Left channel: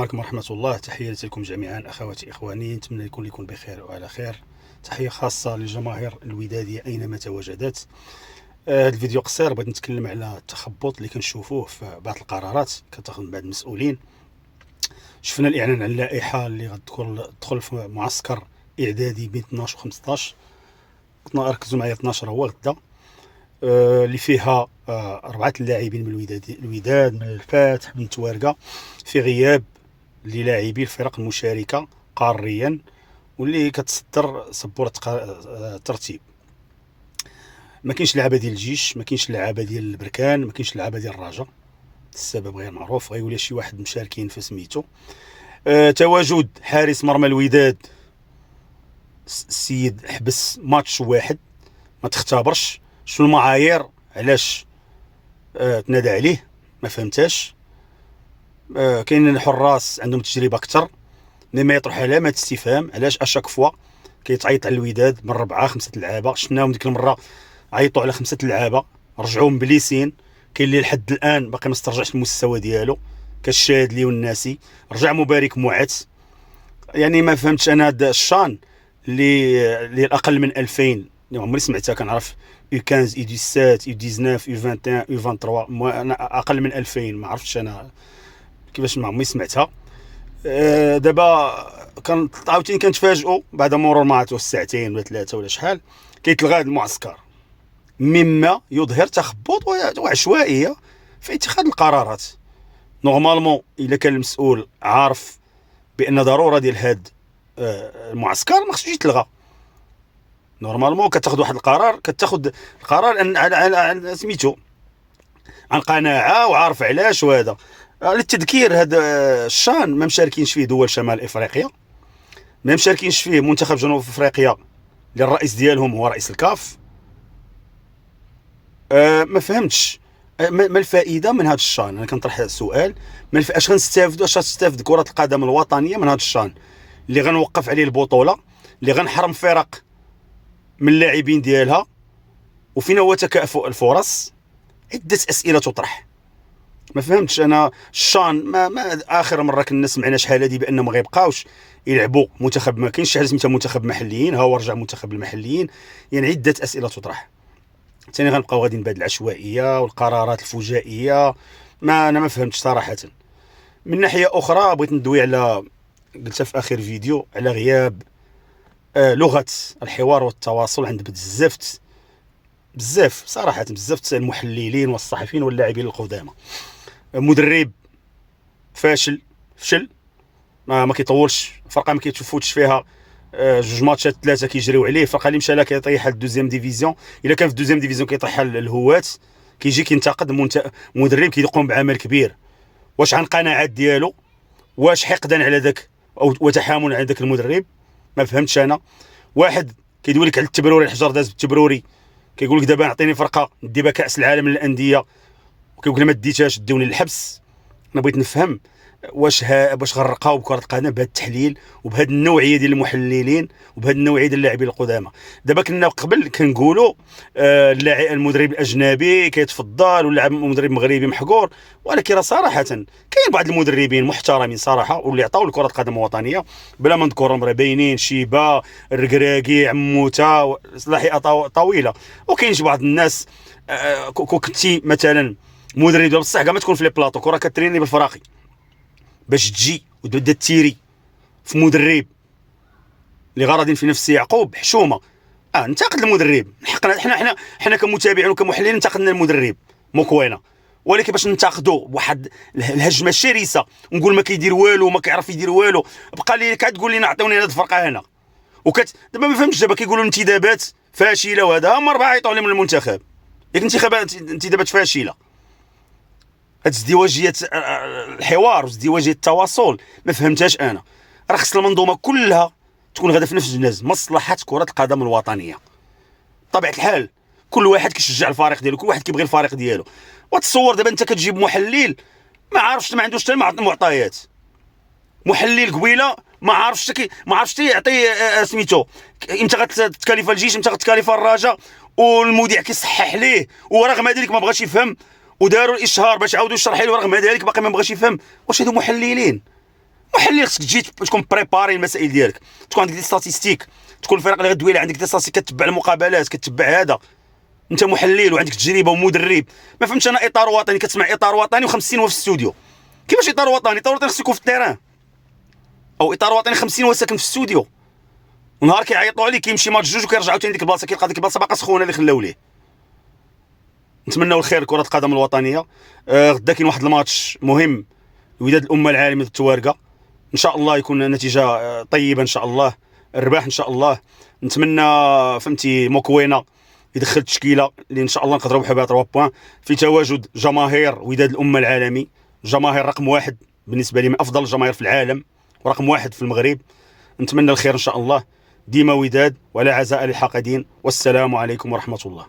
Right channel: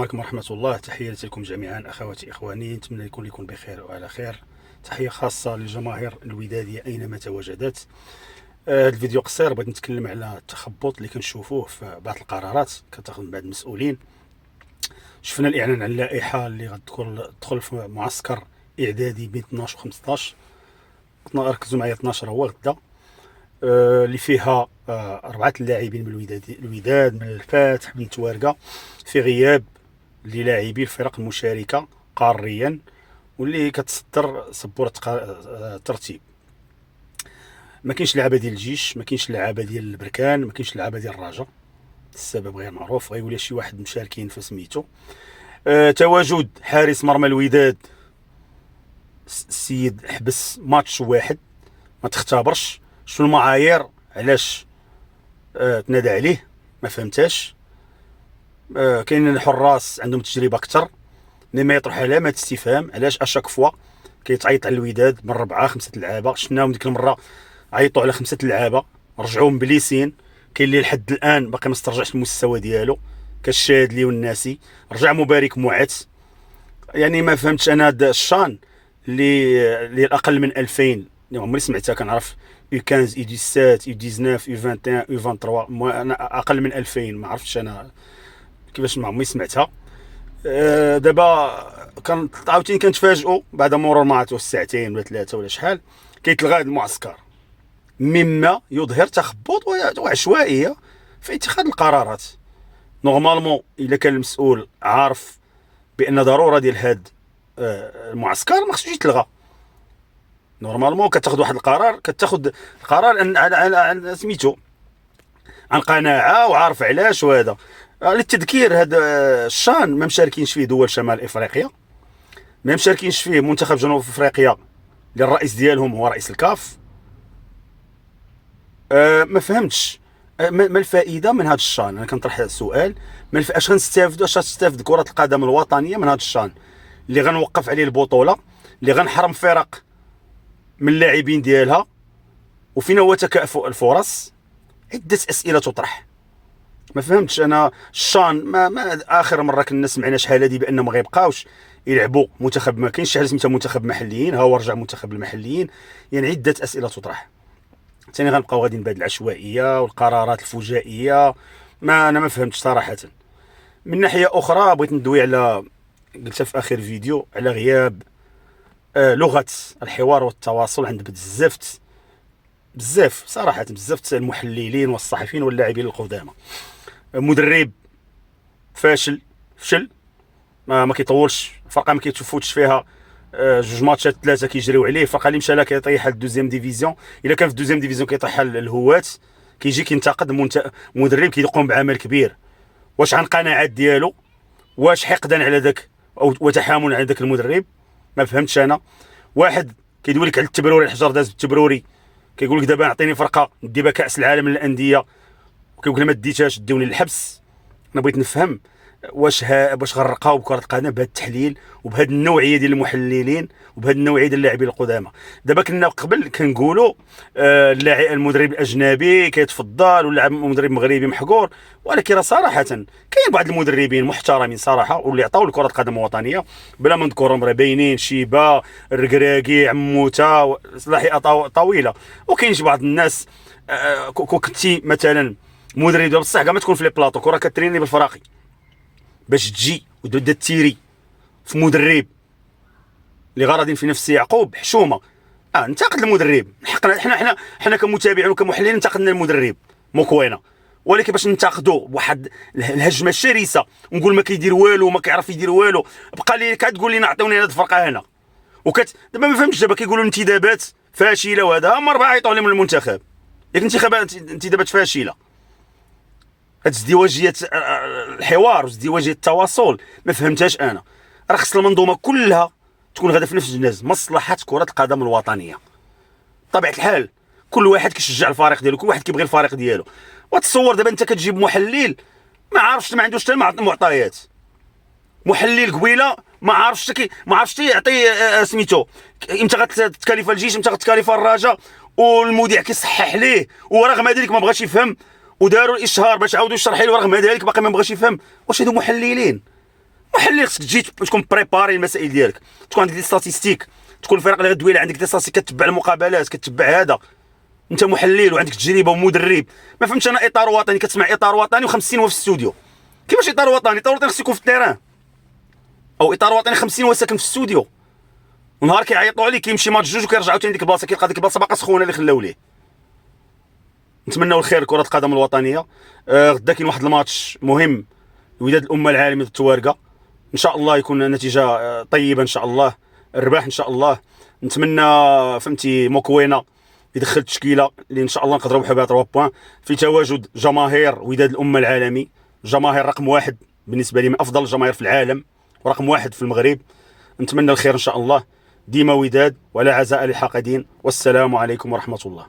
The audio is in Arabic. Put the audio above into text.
عليكم ورحمة الله. تحياتي لكم جميعا أخواتي إخواني، نتمنى يكون بخير وعلى خير. تحية خاصة للجماهير الودادية أينما تواجدت. هذا الفيديو قصير، بغيت نتكلم على التخبط اللي كنشوفوه في بعض القرارات كتاخذ من بعض المسؤولين. شفنا الإعلان عن اللائحة اللي غتدخل في معسكر إعدادي بين 12 و 15. ركزوا معايا، 12 هو غدا، اللي فيها 4 لاعبين من الوداد، من الفاتح، من التوارقة، في غياب للاعبي الفرق المشاركة قاريا واللي كتصدر سبورة الترتيب. ما كاينش لعابه ديال الجيش، ما كاينش لعابه ديال البركان، ما كاينش لعابه ديال الرجاء. السبب غير معروف، غيقول لي شي واحد مشاركين في سميتو. تواجد حارس مرمى الوداد السيد حبس ماتش واحد، ما تختبرش شنو المعايير علاش تنادى عليه، ما فهمتاش. كاين الحراس عندهم تجربه اكثر، لما يطرح علامات استفهام علاش اشاك فوا كيتعيط على الوداد من 4 5 لعابه. شفناهم ديك المره عيطوا على 5 لعابه، رجعوا مبليسين. كاين اللي لحد الان باقي ما استرجعش المستوى ديالو، كالشادلي والناسي. رجع مبارك معت. يعني ما فهمتش انا هذا الشان اللي الاقل من 2000 اللي عمري سمعتها. كنعرف يو 15 يو 17 يو 19 يو 21 يو 23، انا اقل من 2000 ما عرفتش انا كيفاش، ما عمري سمعتها. دابا عاوتاني كنتفاجئوا بعد مرور ما عرفتوا ساعتين ولا 3 ولا شحال كيتلغى هذا المعسكر، مما يظهر تخبط وعشوائيه في اتخاذ القرارات. نورمالمون الا كان المسؤول عارف بان ضروره ديال هذا المعسكر ما خصوش يتلغى. نورمالمون كتاخذ واحد القرار، كتاخذ القرار على سميتو عن قناعه وعارف علاش. وهذا للتذكير، هذا الشان ما مشاركينش فيه دول شمال افريقيا، ما مشاركينش فيه منتخب جنوب افريقيا اللي الرئيس ديالهم هو رئيس الكاف. ما فهمتش ما الفائده من هذا الشان. انا كنطرح السؤال، اش غنستافدوا، اش غتستافد كره القدم الوطنيه من هذا الشان اللي غنوقف عليه البطوله، اللي غنحرم فرق من اللاعبين ديالها، وفين هو تكافؤ الفرص؟ عده اسئله تطرح. ما فهمتش انا الشان. ما اخر مره كنا سمعنا شحال هادي بانهم ما غيبقاوش يلعبوا منتخب، ما كاينش شي حاجه سميتها منتخب محليين، ها هو رجع منتخب المحليين. يعني عده اسئله تطرح. ثاني غنبقاو غاديين بهذه العشوائيه والقرارات الفجائيه. انا ما فهمتش صراحه. من ناحيه اخرى بغيت ندوي على، قلتها في اخر فيديو، على غياب لغه الحوار والتواصل عند بزاف صراحه، بزاف المحللين والصحفيين واللاعبين القدامى. مدرب فشل ما كيطولش، فرقه ما كيتفوتش فيها 2 ماتشات 3 كيجريو عليه. فرقه اللي مشى لها كيطيح الدوزيام ديفيزيون، الا كان في الدوزيام ديفيزيون كيطيح الهوات، كيجي كينتقد مدرب كيقوم بعمل كبير. واش عن قناعات ديالو، واش حقدا على ذاك او وتحامل على ذاك المدرب؟ ما فهمتش انا. واحد كيدوي لك على التبروري، الحجر داز بالتبروري، كيقول لك دابا عطيني فرقه ندي بها كاس العالم للانديه، وكيقول ما ديتهاش دوني للحبس. انا بغيت نفهم واش غنرقاو بكره القدم بهذا التحليل وبهذه النوعيه ديال المحللين وبهذه النوعيه ديال اللاعبين القدامى. دابا كنا قبل كنقولوا المدرب الاجنبي كيتفضل واللاعب المدرب المغربي محقور، ولكن راه صراحه كاين بعض المدربين محترمين صراحه واللي عطاو لكره القدم الوطنيه بلا ما نذكرهم، راه باينين: شيبا، الركراكي، عموته، صلاحيه طويله. وكاين بعض الناس كنتي مثلا مدرب بصح كاع ما تكون في لي بلاطو، كره كتريني بالفراقي باش تجي وتبدا تيري في مدرب اللي غارضين في نفس يعقوب حشومه. ننتقد المدرب، حقنا حنا كمتابعين وكمحللين انتقدنا المدرب مكوينه، ولكن باش ننتقدوا بواحد الهجمه الشرسه ونقول ما كيدير والو وما كيعرف يدير والو، بقى لي كتقول لنا عطيوني هذه الفرقه هنا دابا ما فهمتش. دابا كيقولوا انتدابات فاشله، وهذا هما 4 عيطوا عليهم من المنتخب، ياك انتدابات فاشله. هاد ازدواجيه الحوار وازدواجيه التواصل ما فهمتهاش انا. راه خص المنظومه كلها تكون غادا في نفس الجناز، مصلحه كره القدم الوطنيه. بطبيعه الحال كل واحد كيشجع الفريق ديالو، كل واحد كيبغي الفريق ديالو. وتصور دابا انت كتجيب محلل ما عارفش، ما عندوش حتى المعطيات. محلل قبيله ما عارفش يعطي سميتو امتى غتكاليف الجيش، امتى غتكاليف الرجاء، والمذيع كيصحح ليه، ورغم ذلك ما بغاش يفهم، وداروا الاشهار باش عاودوا يشرح له، ورغم ذلك باقي ما بغاش يفهم. واش هادو محللين؟ محلل خصك تجي تكون بريباري المسائل ديالك، تكون عندك دي ستاتيستيك، تكون الفرق اللي غدوي عندك دي ستاتيستيك، كتبع المقابلات، كتبع هذا، انت محلل وعندك تجربه ومدرب. ما فهمتش انا اطار وطني، كتسمع اطار وطني و50 هو في الاستوديو. كيفاش اطار وطني؟ اطار وطني خصو يكون في التيران، او اطار وطني 50 هو ساكن في الاستوديو، ونهار كيعيطوا عليه كيمشي ماتش جوج وكيرجعوا ثاني ديك البلاصه، كيلقى ديك البلاصه باقا سخونه اللي خلاو ليه. نتمنوا الخير لكره القدم الوطنيه. غدا كاين واحد الماتش مهم، وداد الامه العالميه التوارقه، ان شاء الله يكون النتيجه طيبه ان شاء الله، الرباح ان شاء الله. نتمنى فهمتي موكوينا يدخل تشكيله اللي ان شاء الله نقدروا بها 3 بوان في تواجد جماهير وداد الامه العالمي، جماهير رقم واحد بالنسبه لي، من افضل الجماهير في العالم ورقم واحد في المغرب. نتمنى الخير ان شاء الله. ديما وداد ولا عزاء للحاقدين، والسلام عليكم ورحمه الله.